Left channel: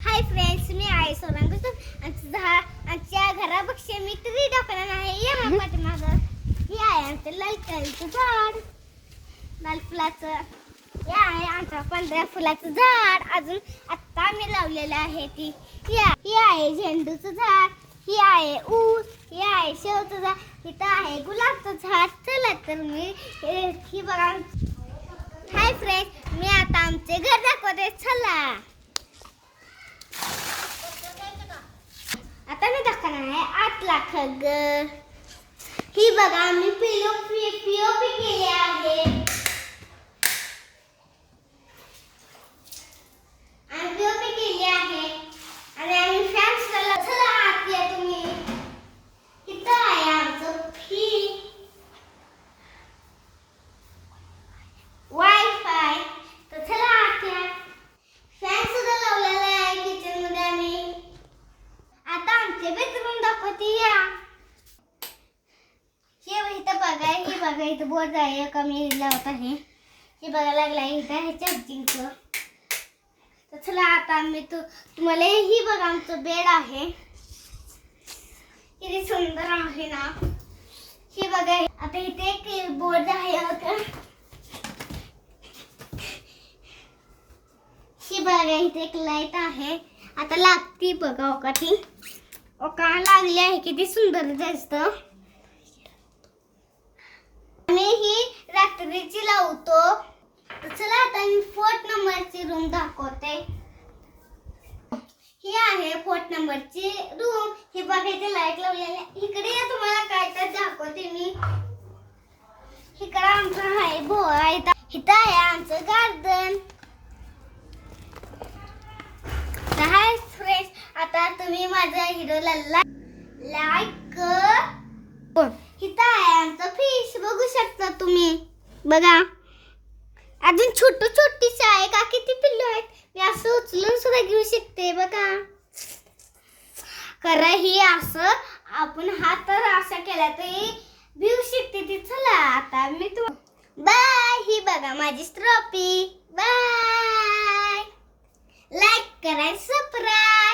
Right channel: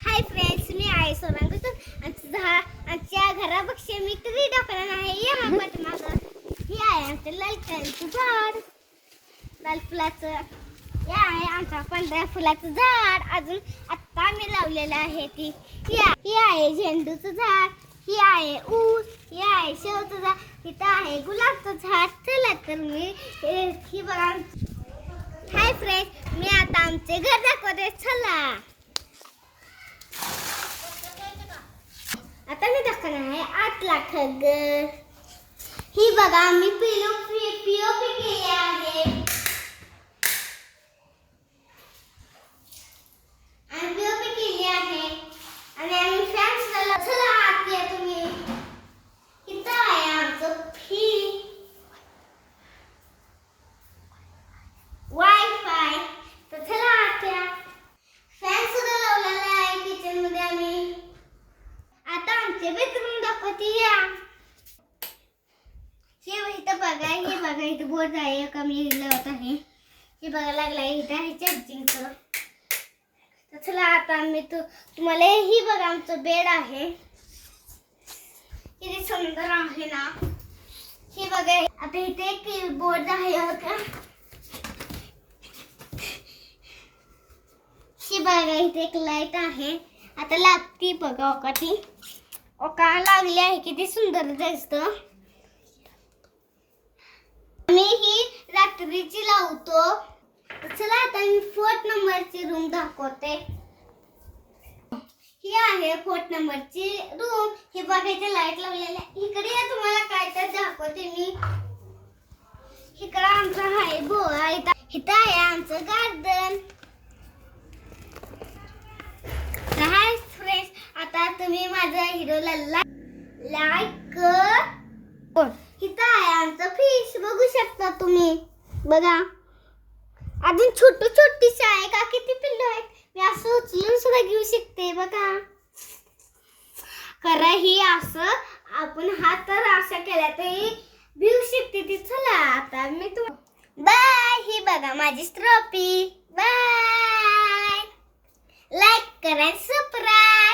Hi friends, मी आहे सोनांगतून आमच्या घरापेक्षा मी तरी दाखवणार आहे. या मग पाठीमागं हे आहे आमचं लाल कलरचं झाड, लाल फुलाचं. हे आहे आमच्या पांढऱ्या फुलाचं झाड. अजून आत्ता आम्ही लावलेलं आहे ती. ही आहे झेंडूचं झाड, ही आहे ऊस, ही आहे शेवचं झाड, इथं आहे गुलाबचं झाड. चला तर मी ही बघा. हाय फ्रेंड्स, मी आता आमचे घर दाखवते. चला आता मी दाखवणार आहे 8 लाख घर. ही बघा मी पीओपी केली आहे आणि पीओपी केली आहे आणि आम्ही फॅन्स लावला. चला आत या तुम्ही. इथं आहे आमचं वायफाय. तर चला आत या. फॅन सुद्धा लावलेला आहे किचन मध्ये. आम्ही आता आमचे बेडरूम दाखवते. या हे इथं बघा, हे बघा इथं बोर्ड आहे का मी लावत आहे. हे बघा लागला इथं आहे चार्जिंगचं. तर चला आता आम्ही तुम्हाला ही बघा आमचं बेड आहे. किती सुंदर आहे ना. हे बघा आता इथे एक बोर्ड आहे का. ही बघा इथे एक लाईट आहे. आता लागती बघा ओका ती. ओका लागली आहे. किती सुंदर दिसतं. मी ही रात्रीची लावतो. चला आता मी 4 नंबरची रूम दाखवते. ही आहे 4 नंबरची रूम. हे बघा इथे लाईट लावलेली आहे. इकडे या तुम्हाला काय तर दाखवते मी. इकडे आमचं आहे बोळा. इथं आहे आमचं गार्डन. हाय फ्रेंड्स, आता तुम्ही माझ्या व्हिडिओला लाईक कर. इथं आहे आमचं फिश. बघू शकता तुम्ही. बघा अजून छोटीशी आहे का. किती पिल्लं आहेत. मी असं उचलून सुद्धा घेऊ शकते. बघा खरं ही असं आपण हात तर असा केला तरी भिऊ शकते ती. चला आता मी बाय. ही बघा माझी ट्रॉफी. बाय. लाईक करा, सबस्क्राइब.